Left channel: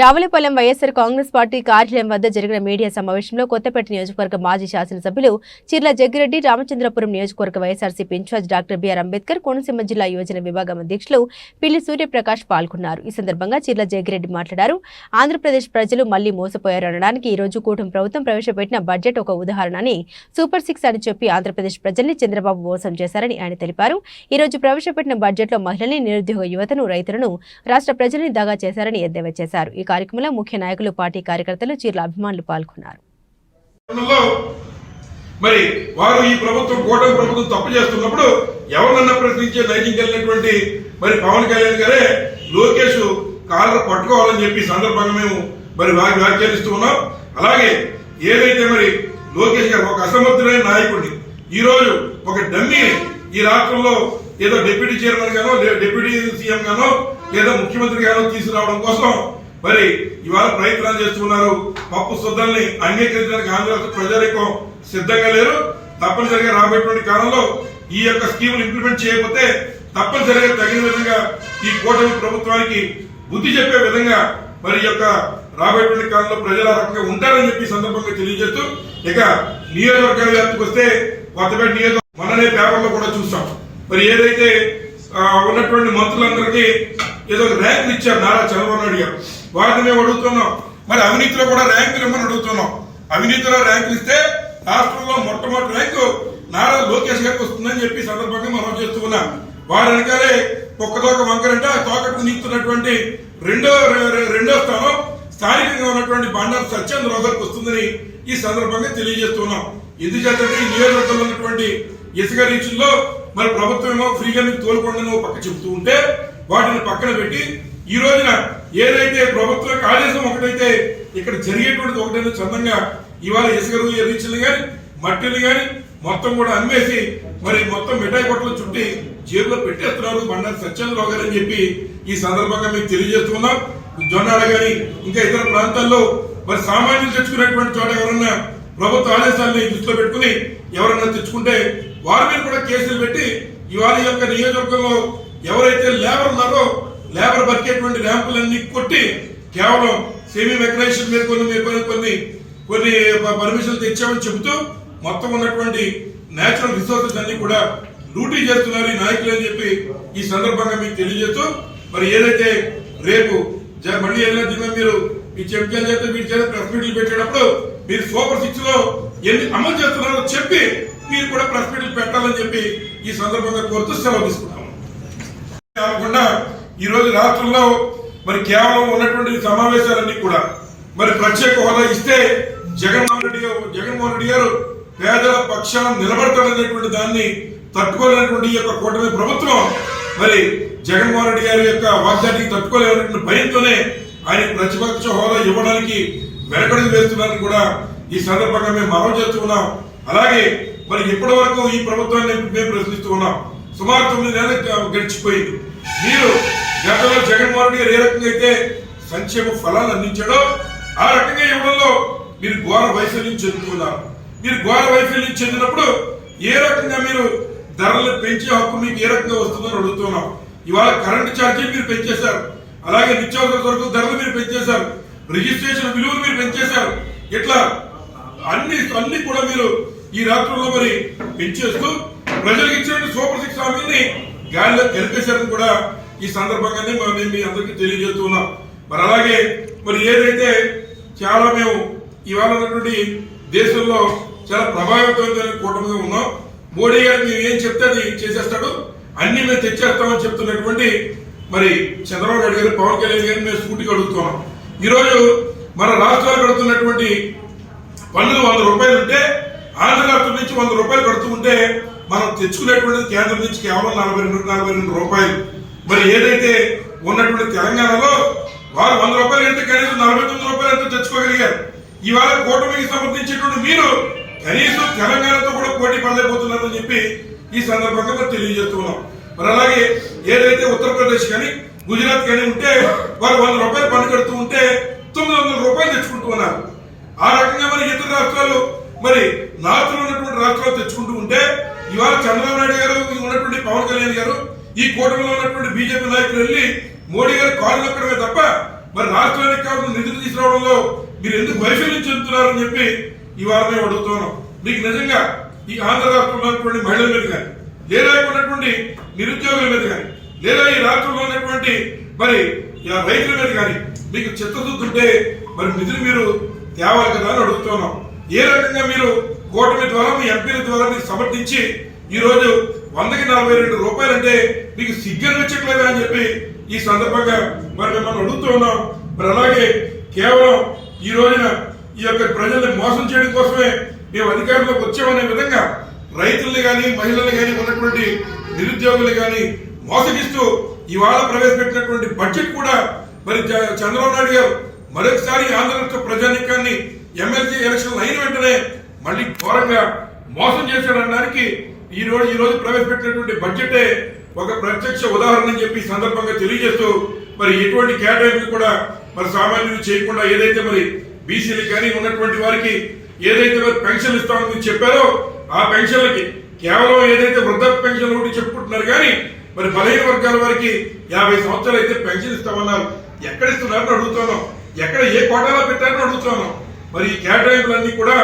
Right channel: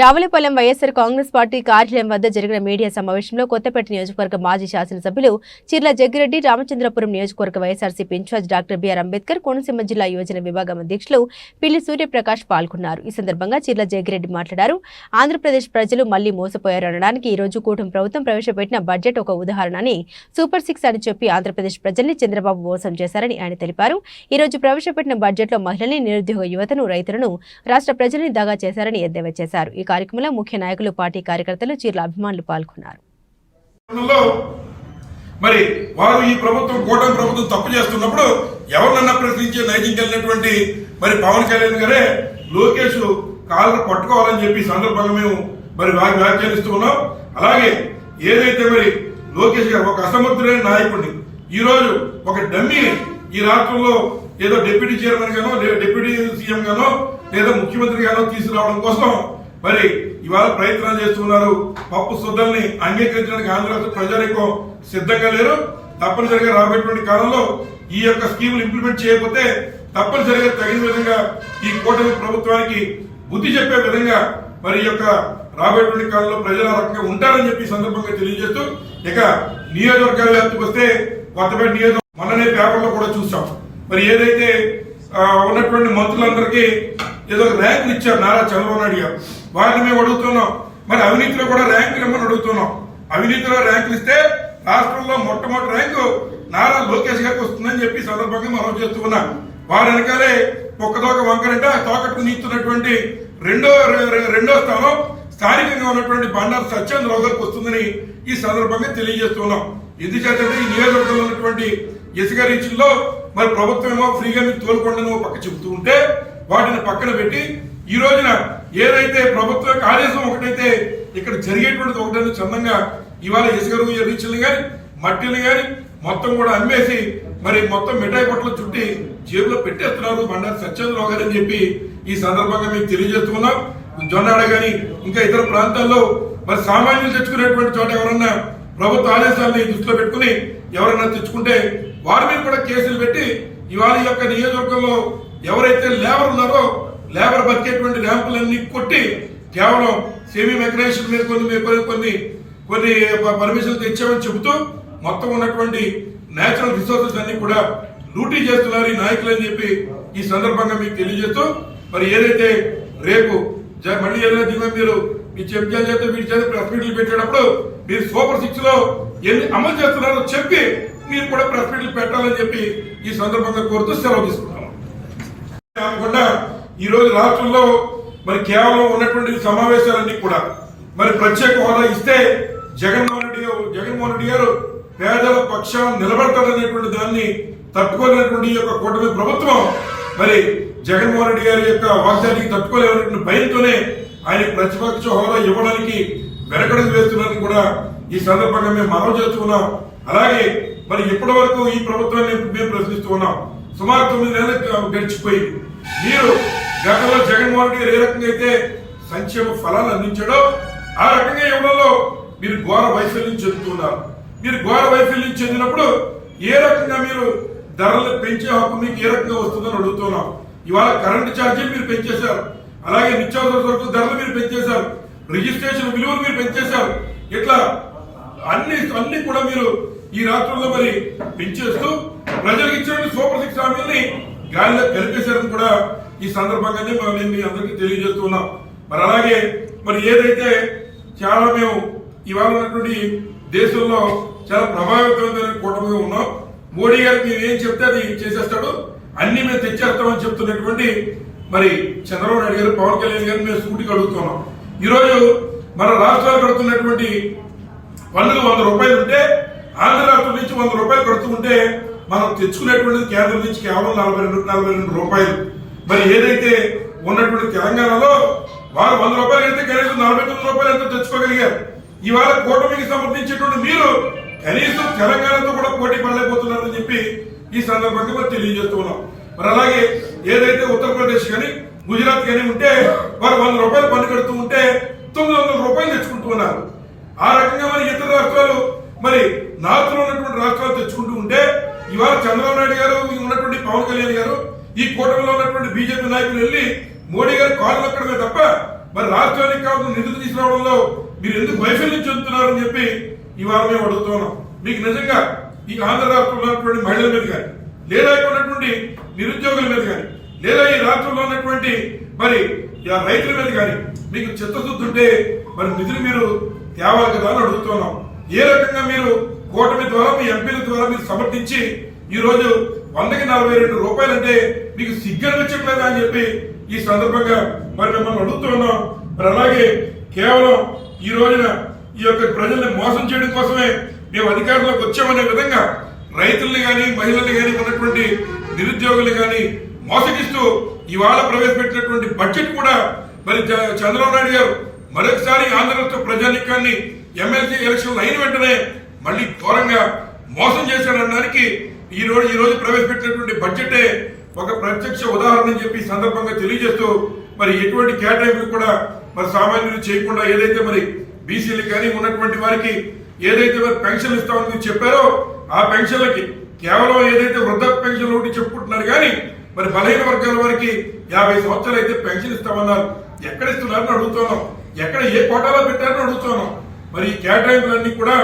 Ravulapalem YSR Congress party కార్యాలయం వద్ద జరిగిన మీడియా సమావేశంలో కొత్తపేట నియోజకవర్గ మాజీ శాసనసభ్యులు చిర్ల జగ్గిరెడ్డి రామచంద్రపురం నియోజకవర్గ YSRCP incharge doctor B R Ambedkar Konaseema జిల్లా యువజన విభాగం అధ్యక్షులు పిల్లి సూర్యప్రకాష్ పాల్గొన్నారు. ఈ సందర్భంగా చిర్ల జగ్గిరెడ్డి మాట్లాడారు. ఆంధ్రప్రదేశ్ ప్రజలు మళ్ళీ మోసపోయారు అనడానికి ఈ రోజు కూటమి ప్రభుత్వం ప్రవేశపెట్టిన బడ్జెట్ ఒక ఉదాహరణ అని సూపర్ సిక్స్ అని చెప్పి ఆంధ్రప్రదేశ్ ప్రజల్ని చంద్రబాబు మోసం చేశారని ఆయన తెలిపారు. ఈ రోజు ప్రవేశపెట్టిన బడ్జెట్లో మహిళల్ని నిరుద్యోగ యువతను రైతులను రాష్ట్ర ప్రజల్ని దగా చేశారని ఎద్దేవా చేశారు. కార్యక్రమంలో ముఖ్య నాయకులు పార్టీ కార్యకర్తలు చీరల అభిమానులు పాల్గొన్నారు. మరి వారు ఈ ప్రభుత్వం కూటమి ప్రభుత్వం తప్పు చేస్తున్నప్పుడు ఎవరినన్నా ప్రశ్నించే నైతికి వెళ్ళినటువంటి మరి పవన్ కళ్యాణ్ గారే లోకేష్ కాళ్ళు పట్టుకోవాలని చెప్పి సందర్భంగా మేము మరి వ్యాఖ్యానిస్తూ ఉన్నాం. అలాగే ఏదైతే మరి లోకేష్ గారు ఒక అసమర్థుడైన నాయకుడిని ఈ రోజు ఒక డమ్మీ ఈ రాష్ట్రంలో ఏదో డిప్యూటీ చైర్మన్ గానో లేదా డిప్యూటీ సీఎం గానో లేదా ముఖ్యమంత్రి గానో తీసుకురావడం కోసం మరి ఇవాళ ప్రయత్నం చేస్తున్నారు. పప్పు శుద్ధల్ని అంగీకరించడానికి ఆంధ్రప్రదేశ్ ప్రజలకు సిద్ధంగా లేరు. తప్పనిసరిగా రాబోయేటువంటి కాలంలో ఈ యొక్క స్కీములు ఇంప్లిమెంట్ చేయకపోతే తప్పనిసరిగా తగిన విధంగా ఈ కూటమి ప్రభుత్వానికి బుద్ధి చెప్పే విధంగా మరి యొక్క రాబోయేటువంటి కాలంలో ప్రజల రకంగా ఉంటారని చెప్పి సందర్భంగా తెలియజేస్తూ ఇక నియోజకవర్గాల వ్యాప్తికి వస్తే కొత్తపేట నియోజక మొన్ననే పేపర్లో కూడా చూసాం. మరి ఏదైతే ఉన్నటువంటి మంత్రులందరికీ ఏదో ఒక ర్యాంకులు ఇచ్చారు నారా చంద్రబాబు నాయుడు గారు. వారిని మేము అడుగుతున్నాం. మరి అవినీతిలో కూడా ర్యాంకులు ఇవ్వమని అడుగుతున్నాం. అవినీతిలో ర్యాంకులు ఇస్తే రాష్ట్రంలో మొట్టమొదటి ర్యాంకు నారా లోకేష్ గారికి వస్తుందని చెప్పి సందర్భంగా మనం చేస్తూ ఉన్నాం. వారి వెనకాలే ఒక్కదోక వంకరంటే ఆ తోకట్టు నిస్తున్నటువంటి రెండో రెండో స్థానం స్థానికంగా ఉన్నటువంటి బండారు సత్యేంద్రరావు గారికి వస్తుందని ఈ సందర్భంగా తెలియజేస్తున్నాం ఎందుకంటే ఈ నియోజకవర్గంలో ఉన్నటువంటి ఇసుక రీచుల్లో మరి ప్రభుత్వం ఏమో ఫ్రీగా మీకు తోలుకోండి పక్క చెబుతూ ఉంటే వాటిని పక్కన పెట్టి ఈ రోజున ఏదైతే ప్రభుత్వ యొక్క ఆదేశం ఒకటైతే ఇక్కడ జరిగేటువంటిది ఒకటైతే చందంగా ఇవాళ ఇసుక రీచులు కానీ మట్టిని కానీ మొత్తం కూడా అమ్మేసి మరి మొత్తం మిఠాయి కొట్టలు చుట్టి జేబులో పెట్టేస్తున్నారు బండారు సత్యేంద్రరావు గారు అని చెప్పి ఈ సందర్భంగా మేము తెలియజేస్తున్నాం. జొన్నాడ గాని ఇంకా ఇతర ప్రాంతాల్లో మరి సామాన్యులు తెచ్చుకునేటువంటి చోట ఎవరన్నా ప్రభుత్వ ఆదేశాలని దృష్టిలో పెట్టుకుని ఎవరన్నా తెచ్చుకుంటే వారి మీద కూడా కేసులు పెట్టి ఇవాళ యొక్క నియోజకవర్గంలో ఎవరైతే లేబర్ ఉన్నారో లేబర్ బతికేటువంటి ర్యాంపులన్నీ కొట్టి కేవలం సెమీ మెకనైజేషన్ మీద కొన్ని కొన్ని కొన్ని కొన్ని పర్మిషన్లు తెచ్చామని చెబుతూ మొత్తం ఉన్నటువంటి నేచురల్ రిసోర్సెస్ అన్ని కూడా లూటీ చేస్తున్నారు ఈ నాయకులు అని చెప్పి ఈ సందర్భంగా మీకు తెలియజేస్తూ మరి ఏదైతే రేపు జ- మళ్ళీ ఏదైనా దీని మీరు మీ చెప్తాను చేత వీటి చేత ప్రెస్ మీట్లు పెట్టేటప్పుడు మీరు సూపర్ సిక్స్లో ఎన్ని అమలు చేస్తున్నారో చెప్పి మీరు కూడా ప్రెస్ మీట్లు పెట్టాలని చెప్పి ఈ సందర్భంగా కోరుతూ సెలవు తీసుకుంటాము కాకుండా ఈరోజు రాష్ట్రంలో మరి కేవలం ఉన్నటువంటి సమావేశాలన్నీ కూడా మరి ప్రత్యేక హోదా ఇస్తే జగన్మోహన్ రెడ్డి జగన్మోహన్ రెడ్డి గారు పేదల పక్షాన్ని నిలబడతాడనేటువంటి దాన్ని తట్టుకోలేనటువంటి ఈ యొక్క కూటమి ప్రభుత్వం మరి జగన్మోహన్ రెడ్డి గారి యొక్క వాగ్దానికి తట్టుకోలేనటువంటి భయంతోనే ఆయన ప్రతిపక్ష హోదా ఇవ్వడానికి వెనకడుగు వేస్తున్నారని కూడా ఈ సందర్భంగా మేము మనవి చేస్తున్నాం. అలాగే మరి ఇప్పటి వరకు ఈ ప్రభుత్వాన్ని మేము ప్రశ్నిస్తూ ఉన్నాం. సుమారు తొమ్మిది నెలలు గడిచిపోయింది. మీరు గతంలో జగన్మోహన్ రెడ్డి గారు ఏ రకంగా అయితే సంక్షేమ ఫలాలు అందించాడో ఆ రకంగా ఇవ్వడంలో మీరు ఘోర వైఫల్యం చెందుతున్నారు మీరు ఘోర వైఫల్యం చెందినప్పుడు ఏ రకంగా మీరు ధరలు పెంచే హక్కు మీకు ఏ రకంగా వస్తుందని అడుగుతున్నాం ఇవాళ కరెంటు ఛార్జీలు మీరు పెంచేశారు. అలాగే నిత్యావసర సరుకుల ధరలు మీరు పెంచేశారు. రిజిస్ట్రేషన్ విలువలు మీరు పెంచేశారు. ఇట్లా అన్ని అన్ని కూడా మీరు ఈ రాత్రుల్లో మరి పెంచేస్తూ ప్రజలకు ఇచ్చినటువంటి సూపర్ సిక్స్ హామీల్ని గాలిలో కలిపేశారని కూడా ఈ సందర్భంగానే మరి నేను మీ అందరికీ తెలియజేస్తున్నాం మరి అలాగే మరి ఏదైతే చాలా మేము ఇవాళ ఉన్నటువంటి దేశంలో చాలా ప్రభావితమైన కూటమిగా ఉన్నాం. మోడీ గారికి మేము ఏం చెప్తే అది చేసేస్తాడు. అన్ని మేము తెచ్చేస్తామని చెప్తున్నటువంటి మరి చంద్రబాబు నాయుడు గారు పవన్ కళ్యాణ్ గారిని మేము సూటిగా అడుగుతున్నాం. ఈరోజు మన రాష్ట్రాలు కడుతున్నటువంటి పన్నులు వంద రూపాయలు ఉంటే ఆంధ్ర రాష్ట్రం నుంచి వంద రూపాయలు కడుతూ ఉంటే మనం తెచ్చుకునేటువంటిది కేంద్రం నుంచి కేవలం నలభై రెండు నలభై రెండు రూపాయలు. మరి ఏదైతే ఉన్నటువంటి తెలంగాణలో వారు వంద రూపాయలు కడితే కనీసం నలభై తొమ్మిది రూపాయలు ఎంతో తెచ్చుకోగలిగారు. ఇవాళ కూటమికి సమర్థించేటువంటి మీరు కనీసం తెలంగాణతో కూడా పోటీ పడలేకపోతున్నారని చెప్పి ఈ సందర్భంగా మరి తెలియజేస్తున్నాం మరి అలాగే ఏదైతే ఉత్తరప్రదేశ్ కానీ గుజరాత్ కానీ ఉంటే వారు వంద రూపాయలు పన్ను కడుతూ ఉంటే తొమ్మిది వందల రూపాయలు తెచ్చుకుంటూ ఉన్నారు. ఆ రకంగా మరి ఇతర రాష్ట్రాలు మరి నార్త్లో ఉన్నటువంటి రాష్ట్రాలు తెచ్చుకుంటూ ఉంటే ఇవాళ చంద్రబాబు నాయుడు గారు ఉన్నటువంటి పవన్ కళ్యాణ్ గారు ఈ కూటమిలో ఉన్నటువంటి బీజేపీ నాయకులు వెళ్ళి మోడీ గారు కాళ్ళు నొక్కడమే తప్ప మరి రాష్ట్రానికి కావాల్సిన నిధులు తీసుకురావడంలో మీరు ఎందుకు వైఫల్యం చెందుతున్నారని చెప్పి ఇవాళ మేము అడుగుతున్నాం మీకు నిజంగా ఈ ఆంధ్ర రాష్ట్రంలో ఉన్నటువంటి మహిళల మీద కానీ లేదా ఉన్నటువంటి నిరుద్యోగుల మీద కానీ లేదా ఈ రాష్ట్రంలో ఉన్నటువంటి మరి రైతుల మీద కానీ మీకు చిత్తశుద్ధి ఉంటే మరి నిధులు మీరు తేవాలి కదా అని అడుగుతున్నాం ఏ రకంగా మీరు కూటమి ద్వారా మీ ఎంపీల ద్వారా మీరు సమర్థించి ఈరోజు వందకి నలభై రెండు రూపాయలు అంటే మీకు సిగ్గనిపించట్లేదా అని చెప్పి ఈ సందర్భంగా మరి మిమ్మల్ని అడుగుతున్నాం మరి అలాగే కేవలం ఈ రోజున ఈ యొక్క ప్రజల్ని మోసం చేయడం కోసమే మేము అధికారంలోకి వచ్చామనే విధంగా రైతుల్ని కానీ మహిళల్ని కానీ ఉన్నటువంటి నిరుద్యోగుల్ని కానీ మోసగిస్తూ ఇవాళ ప్రవేశపెట్టినటువంటి బడ్జెట్ కూడా మరి చంద్రబాబు నాయుడు గారు మరొకసారి ఆంధ్రప్రదేశ్ ప్రజానికాన్ని ఎమ్మెల్సీ ఎలక్షన్ అయిన వెంటనే మళ్ళీ ఘోరంగా మోసం చేశాడనడానికి ఈ రోజు ఈ రోజు ప్రవేశపెట్టినటువంటి బడ్జెటే ఒక ప్రత్యక్ష ఉదాహరణ చెప్పి సందర్భంగా తెలియజేస్తూ మరి ఎటువంటి కేటాయింపులు కూడా మరి సామాన్యులు చేయకుండా ఏదైతే మరి బీసీలకు కానీ ఉన్నటువంటి వారికి ఏదైతే మరి పెన్షన్లు ఇస్తామని చెప్పారో ఆ పెన్షన్లకి కేవలం ఏదైతే వృద్ధ పెన్షన్ ఒకటి చెప్పుకుంటున్నారు కానీ మరి బలహీన వర్గాల వారికి యాభై సంవత్సరాలు అయితే పెన్షన్ ఇస్తామన్నారు. ఎక్కడ ఇస్తున్నారని అడుగుతున్నాం ఎక్కడ ఏ కోటాలో పెట్టారని అడుగుతున్నాం మరి ఈ కేటాయింపులన్నీ కూడా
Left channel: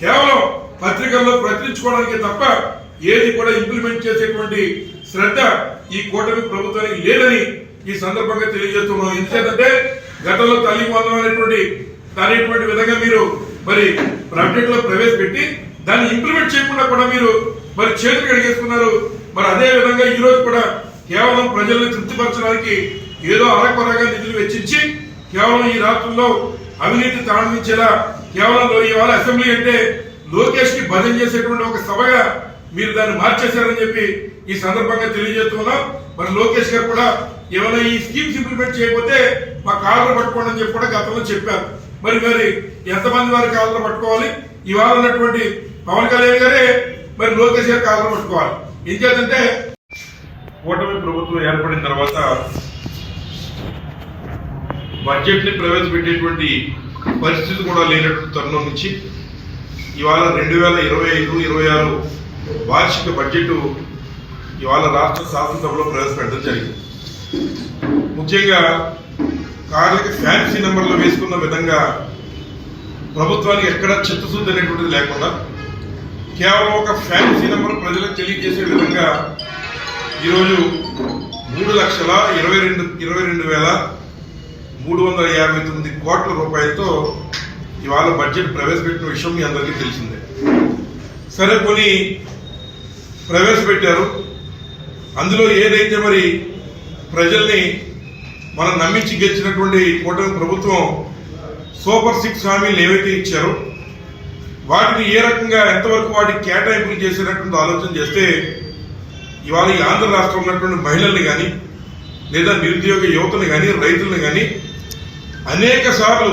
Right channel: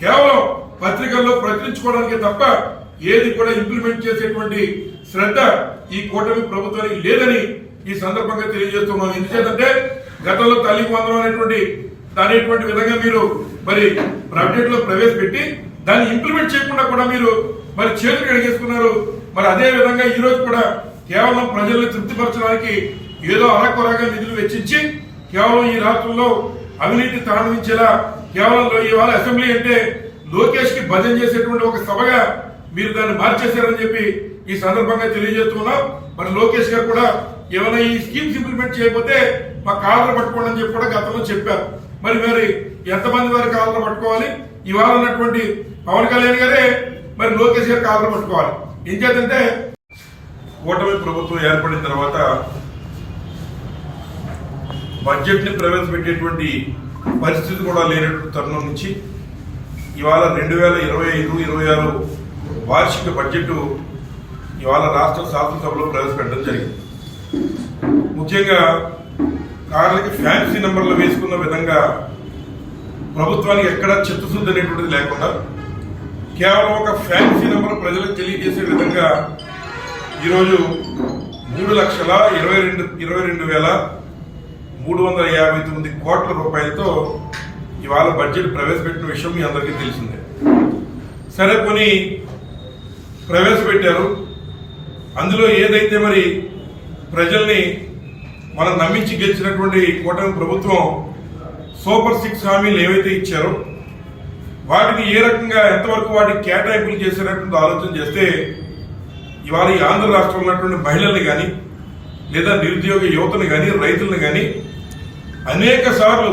కేవలం పత్రికల్లో ప్రచురించుకోవడానికి తప్ప ఏది కూడా ఇంప్లిమెంట్ చేసేటువంటి శ్రద్ధ ఈ కూటమి ప్రభుత్వానికి లేదని ఈ సందర్భంగా తెలియజేస్తున్నాం. ఎందుకంటే గతంలో తల్లి పొందం అనేటువంటి అనేటువంటి విధంగా మీరు మరి ప్రాజెక్ట్లో ప్రవేశపెట్టి దాన్ని ఇంప్లిమెంట్ చేయకుండా కూడా మీరు మరి చేతులు కడిగేసుకున్నారు. మరి అదే విధంగా ఈ రోజు కూడా కేవలం ప్రజల్ని తృప్తిపరచడానికి ఏదో అరకొరగా నిధులు వెచ్చించి కేవలం ఈ రాష్ట్రంలో అవినీతి తాండవించేలా కేవలం ఇవాళ అసెంబ్లీ అంటే లోకేష్కి భజన చేసేటువంటి ఒక సభగా మీరు దాన్ని మార్చేశారని చెప్పి ఈ సందర్భంగా తెలియజేస్తున్నాం. మరి లోకేష్ గారు కూడా ఏమైనా ఈ స్కీమ్స్ ఇంప్లిమెంట్ చేయకపోతే మా కాలర్ పట్టుకోండి అని చెప్పి కూడా గతంలో చెప్పారు. మరి మరి ఎంతమంది వారి కాలర్ పట్టుకోవాలి? ఇవాళ ఉన్నటువంటి పవన్ కళ్యాణ్ గారే మరి లోకేష్ గారు కాలర్ పట్టుకోవాలి. ఏం చేద్దంటే కూటమి ప్రభుత్వం ఏర్పడిన తర్వాత బడ్జెట్ని ప్రవేశపెట్టేటువంటి పరిస్థితి కూడా లేనటువంటి తరుణం నుంచి ఇవాళ రెండు వేల ఇరవై ఐదు ఇరవై ఆరు వార్షిక బడ్జెట్ ఇవాళ రాష్ట్ర శాసనసభలో ప్రవేశపెట్టడం జరిగింది. ముఖ్యంగా కార్లకి ఫ్యాన్సీ నెంబర్లు వేసుకున్న విధంగా ప్రభుత్వానికి ఎక్కడ చిత్తశుద్ధి అనేటువంటిది లేకుండా కేవలం ఒక ఫ్యాన్సీ నెంబర్ ప్రజలకు తెలియజేసే విధంగా ఈరోజు మూడు లక్షల ఇరవై రెండు ఇరవై రెండు వేల మూడు వందల యాభై తొమ్మిది కోట్ల రూపాయలతో ఇవాళ బడ్జెట్ ప్రవేశపెట్టిన విషయం మీ అందరికీ తెలిసిందే. సరే కొన్ని ప్రవేశపెట్టారు. అందులో ఏదైతే మరి ప్రజల్ని మనం నమ్మించి గెలిచినటువంటి కూటమి ప్రభుత్వం సూపర్ సిక్స్ హామీలు ఏవైతే ఇచ్చారో వాటిని ఏ రకంగా ఎంతవరకు వాటికి కేటాయింపులు చేసేటటువంటి ఆలోచన చేస్తే ఇవాళ ఈ ఆంధ్ర రాష్ట్రంలో ఉన్నటువంటి మహిళల్ని కానీ లేదా నిరుద్యోగ యువతను కానీ రైతుల్ని కానీ అనేక సార్లు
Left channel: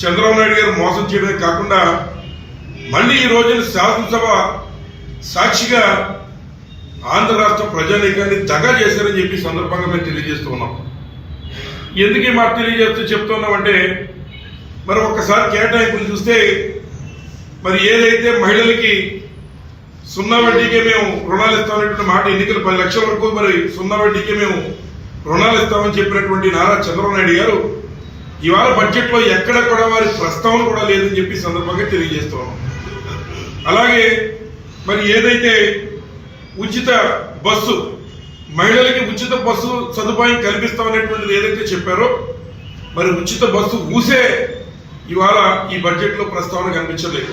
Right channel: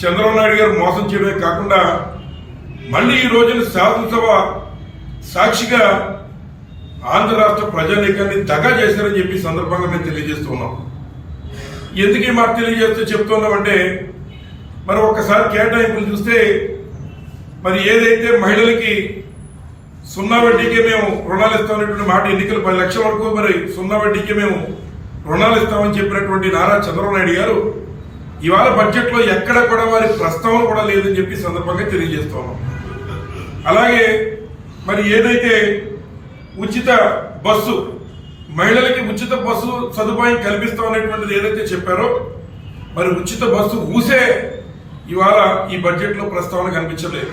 చంద్రబాబు నాయుడు గారు మోసం చేయడమే కాకుండా మళ్ళీ ఈ రోజున శాసనసభ సాక్షిగా ఆంధ్ర రాష్ట్ర ప్రజానీకాన్ని దగా చేశారని చెప్పి సందర్భంగా మేము తెలియజేస్తూ ఉన్నాం. ఎందుకు ఈ మాట తెలియజేస్తూ చెప్తున్నామంటే మరి ఒక్కసారి కేటాయింపులు చూస్తే మరి ఏదైతే మహిళలకి సున్నా వడ్డీకే మేము రుణాలు ఇస్తామనేటువంటి మాట ఎన్నికలు పది లక్షల వరకు మరి సున్నా వడ్డీకే మేము రుణాలు ఇస్తామని చెప్పినటువంటి నారా చంద్రబాబు నాయుడు గారు ఇవాళ బడ్జెట్లో ఎక్కడ కూడా వారి ప్రస్తావన కూడా లేదని చెప్పి సందర్భంగా తెలియజేస్తున్నాం అలాగే మరి ఏదైతే ఉచిత బస్సు మహిళలకి ఉచిత బస్సు సదుపాయం కల్పిస్తామనేటువంటిది ఏదైతే చెప్పారో మరి ఉచిత బస్సు ఊసే ఇవాళ ఈ బడ్జెట్లో ప్రస్తావన కనిపించలేదు.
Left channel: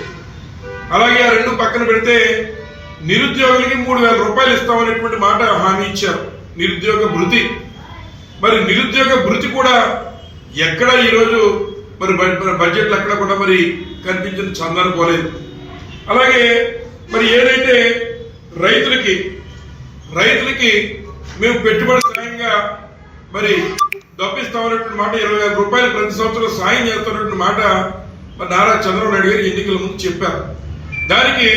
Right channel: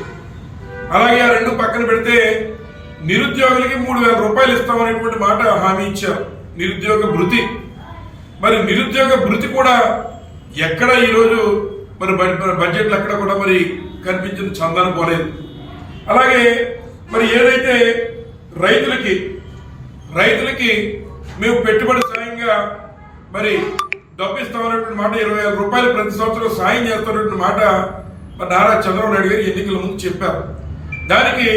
అలాగే ఆ రెండు పక్కన పెడితే నిరుద్యోగులకి మూడు వేల రూపాయలు ఇస్తామనేటువంటి మాట హామీ ఇచ్చారు. నిరుద్యోగ భృతి. మరి నిరుద్యోగ భృతి కూడా ఎక్కడ ఈరోజు మరి బడ్జెట్లు బడ్జెట్లో ఎక్కడ కూడా మరి కనిపించిన చందన పోలేదు. అలాగే మరి ఏదైతే రైతులకి రైతులకి మేము పెట్టుబడి సాయంగా మరి డబ్బిస్తామనేటువంటి మాట ఇరవై ఆరు రూపాయలు ప్రతి సంవత్సరం సాయం చేస్తున్నటువంటి మాట మరి నారా చంద్రబాబు నాయుడు గారు ఎన్నికల ముందు చెప్పారు. దానికి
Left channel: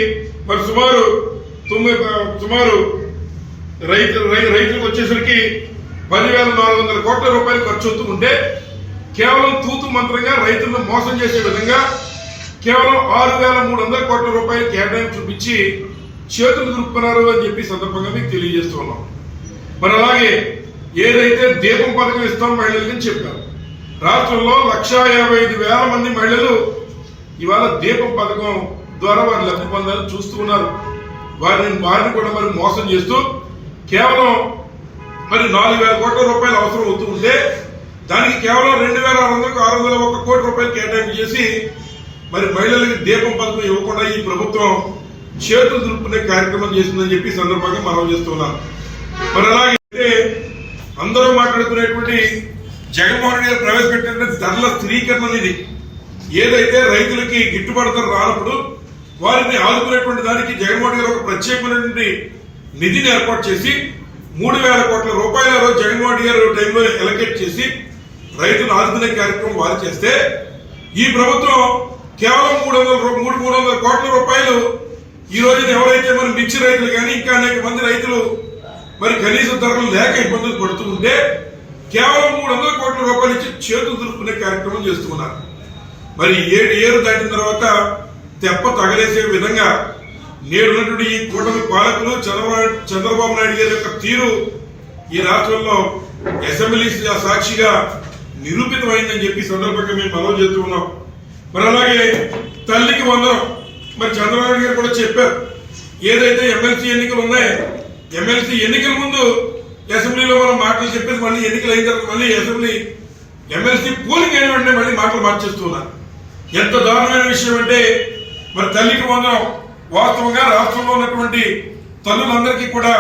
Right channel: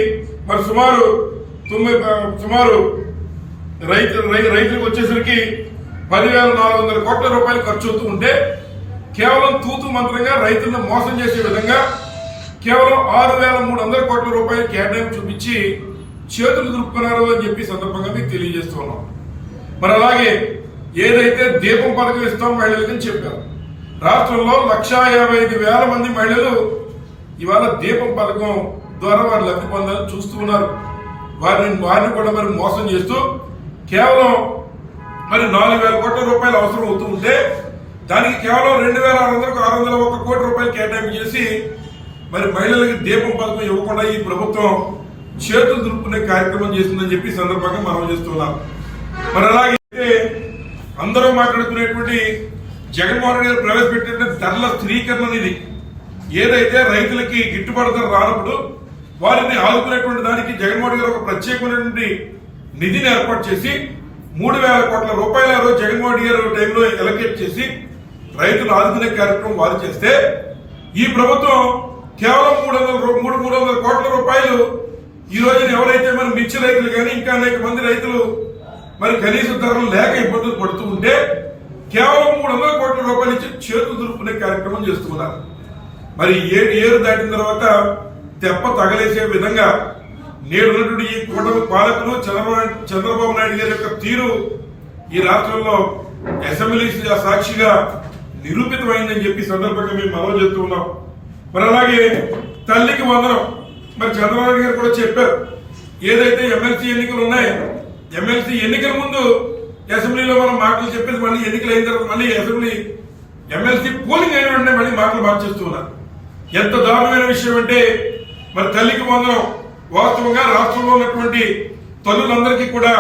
మరి సుమారు తొమ్మిది సుమారు రైతు రై- రైతులకు వచ్చేసరికి పదివేల నాలుగు వందల కోట్ల రూపాయలు ఖర్చు అవుతూ ఉంటే కేవలం తూతు మంత్రంగా రైతులను మోసం చేసే విధంగా కేవలం ఆరు వేల మూడు వందల కోట్ల రూపాయలు కేటాయింపు చూపించి చేతులు దురుపుకున్నారు అని చెప్పి సందర్భంగా మీకు తెలియజేస్తున్నాం మరి అలాగే ఏదైతే దీపం పథకం ఇస్తాం మహిళలకి అని చెప్పారు. రాష్ట్రంలో లక్షా యాభై ఐదు వేల మంది మహిళలు ఇవాళ దీపం పథకం ద్వారా వారు లబ్ధి పొందాలని చూస్తూ ఉన్నారు. వారిని వారిని కూడా మరి మోసం చేస్తూ కేవలం మరి నాలుగు వేల కోట్ల రూపాయలు అవసరం అవుతూ ఉంటే దానికి కేవలం రెండు వేల ఆరు వందలకు ఆరు వందల ఒక కోటి రూపాయలు కేటాయింపు చేసి మరి మహిళలకు దీపం పథకం ఇవ్వకుండా ఈ ప్రభుత్వం చేతులు దులుపుకునే కార్యక్రమం చేసిందని చెప్పి సందర్భంగా మనం చేస్తున్నాం మరి అలాగే అందరూ మాట్లాడుకునేటువంటి జగన్మోహన్ రెడ్డి గారు ప్రవేశపెట్టిన ధరల స్థిరీకరణ అనేది ఏదైతే రైతులకి గిట్టుబాటు ధర రానప్పుడు వారిని ఆదుకునేటువంటి దానికి జగన్మోహన్ గారు ఒక ప్రత్యేకమైనటువంటి నిధిని ఏర్పాటు చేసి మూడు వేల కోట్ల రూపాయల జగన్మోహన్ గారు టైంలో ఎలకేట్ చేసి రైతులు ఆదుకునే కార్యక్రమం వారు చేస్తే ఈ ప్రభుత్వం కేవలం మూడు వందల మూడు మూడు వందల కోట్ల రూపాయలు ఈ రోజున ఎవరైతే మరి మిర్చి రైతులు కానీ ఇంకా అనేక మంది రైతులు మరి కనీస ధరలు లేక ఇబ్బందులు పడుతూ ఉంటే కేవలం మూడు వందల కోట్ల రూపాయలు ఇచ్చి చేతులు దులుపుకునే కార్యక్రమం చేస్తూ ఉన్నారు. మరి ఏడు ఏరు దాటిన తర్వాత తెప్ప తగలేసే విధంగా నేడు ఉన్నటువంటి ఈ కూటమి పాలకులు చంద్రబాబు చంద్రబాబు నాయుడు గారి యొక్క తీరు ఈ రాష్ట్రంలో అసెంబ్లీ సాక్షిగా నిరూపితమైందని చెప్పి సందర్భంగా మేము మనవి చేస్తూ ఉన్నాం. మరి అలాగే తల్లికి వందనం. మరి చంద్రబాబు గారు కూడా చెప్పారు. ఏదైతే ఎమ్మెల్సీ ఎన్నికలు ఉన్నాయో ఎమ్మెల్సీ ఎన్నికల ముందు అసెంబ్లీలో మనం మాటలు చెప్పేసి మళ్ళీ ఎన్నికలు అయిన తర్వాత మళ్ళీ అసెంబ్లీ ఎమ్మెల్సీ పోలింగ్ అయిన వెంటనే మళ్ళీ మాటలు మార్చేస్తున్నారు ఎంత దారుణమైన విషయం అంటే మరి తల్లికి వందనం. వాస్తవంగా రాష్ట్రంలో ఉన్నటువంటి తల్లులందరికీ కూడా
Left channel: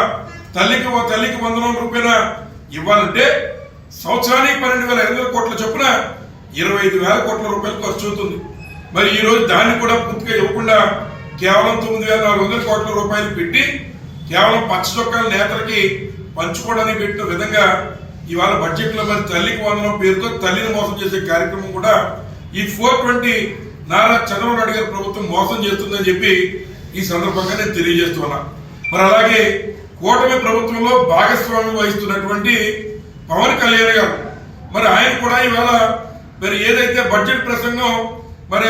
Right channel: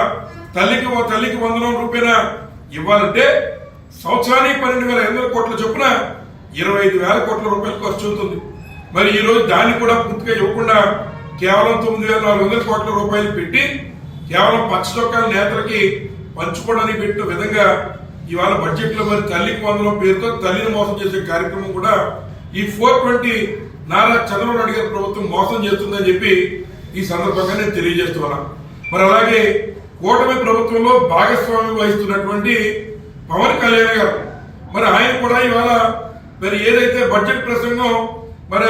తల్లికి తల్లికి వందనం రూపేణ ఇవ్వాలంటే సంవత్సరానికి పన్నెండు వేల ఐదు వందల కోట్ల చొప్పున ఇరవై ఐదు వేల కోట్ల రూపాయలు ఖర్చు అవుతుంది. మరి ఈరోజు దాన్ని కూడా పూర్తిగా ఇవ్వకుండా కేవలం తొమ్మిది వేల నాలుగు వందల కోట్ల రూపాయలు పెట్టి కేవలం పచ్చ చొక్కాల నేతలకి పంచుకోవడానికి పెట్టిన విధంగా ఇవాళ బడ్జెట్లో మరి తల్లికి వందనం పేరుతో తల్లిని మోసం చేసే కార్యక్రమం కూడా ఈ ఫోర్ ట్వంటీ నారా చంద్రబాబు నాయుడు గారి ప్రభుత్వం మోసం చేస్తుందని చెప్పి ఈ సందర్భంగా నేను తెలియజేస్తున్నా. మరి అలాగే కూటమి ప్రభుత్వంలో భాగస్వామ్యం వహిస్తున్నటువంటి పవన్ కళ్యాణ్ గారు. మరి ఆయన కూడా ఇవాళ మరి ఏదైతే బడ్జెట్ ప్రసంగం మరి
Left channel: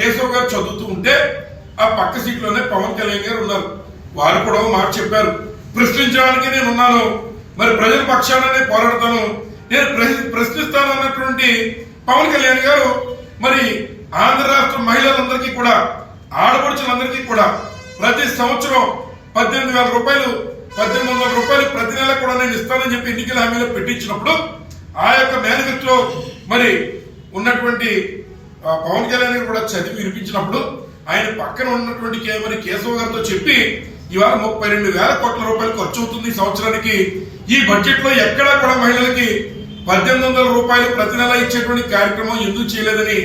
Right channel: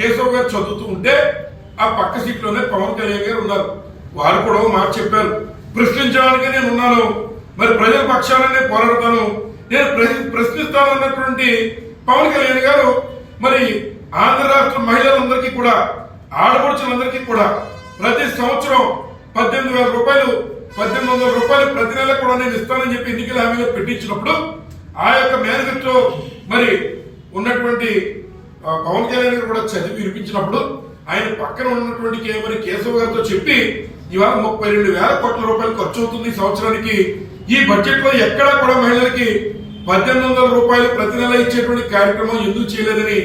కేశవ్ గారు చదువుతూ ఉంటే ఆ పక్క సీట్లోనే పవన్ కళ్యాణ్ గారు ఉన్నారు. వారు కూడా మాట చెప్పారు. ప్రశ్నించడానికి నేను ఉన్నాను. మరి ప్రజల పక్షాలనే పోరాడతాను. నేను ప్రశ్నిస్తాను అన్నటువంటి పవన్ కళ్యాణ్ గారు మరి ఆంధ్ర రాష్ట్ర మహిళలందరికీ కూడా ఆడపడుచులందరికీ కూడా ప్రతి సంవత్సరం పద్దెనిమిది వేల రూపాయలు పద్దెనిమిది వందల రూపాయలు ప్రతి నెల కూడా నేను ఇస్తానని చెప్పి ఎన్నికల హామీలో పెట్టించినప్పుడు ఆ యొక్క మేనిఫెస్టో మరి ఉన్నటువంటి పవన్ కళ్యాణ్ గారు కూడా చదివి వినిపించినప్పుడు ఆయన పక్కన ఉన్నటువంటి మరి కేశవ గారితో చెప్పి ఇవాళ ముప్పై రెండు వేల కోట్ల రూపాయలు ఖర్చు అవుతుంది సంవత్సరానికి. ఈ బడ్జెట్లో ఎక్కడా కూడా మహిళలకి పద్దెనిమిది వందల రూపాయలు ప్రతి నెల ఇచ్చేటువంటి కార్యక్రమం ఎందుకు చేయలేదని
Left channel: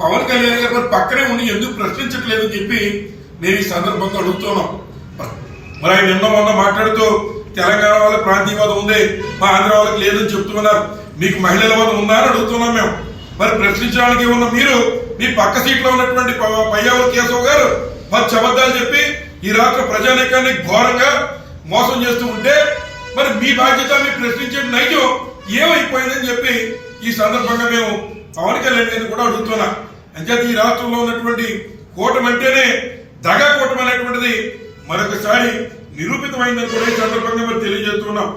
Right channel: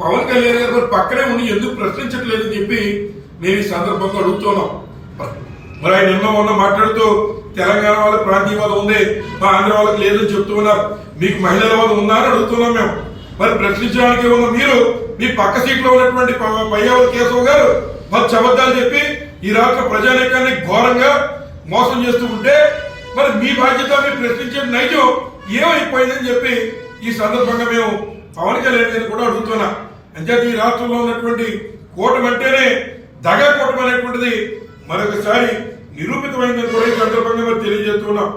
పవన్ కళ్యాణ్ గారు మరి పక్కనే ఉండి ఎందుకు ప్రశ్నించట్లేదని చెప్పి మేము ఈ సందర్భంగా అడుగుతున్నాం. మరి ఆయన నిన్న మొన్న మాట్లాడుతూ తెలంగాణ వాళ్ళకి ప్రాంతీయవాదం ఉంది మా ఆంధ్ర వాళ్ళకి లేదని చెప్తూ ఉన్నారు మీకు మహిళల వాదం ఉందా అని అడుగుతున్నాం మేము. మరి ప్రశ్నించడానికి ఉన్న మీరు మీ పక్క సీట్లో ఉన్నటువంటి ప- పయ్యావుల కేశవ్ గారు మరి చబద్దాలు చెప్పి ఈ రాష్ట్ర ప్రజానీకాన్ని ఘోరంగా మోసం చేస్తూ ఉంటే మరి మీ బాధ్యత మీరు ప్రశ్నించే నైజం ఏమైపోయిందని చెప్పి ఈ సందర్భంగా మేము పవన్ కళ్యాణ్ గారిని కూడా అడుగుతున్నాం. అంచేత ఈ రాష్ట్రంలో ఉన్నటువంటి కూటమి అంటేనే దగా కూటమి అనేటువంటిది మరొకసారి నిరూపితమైందని కూడా ఈ సందర్భంగా మరి తెలియజేస్తున్నాం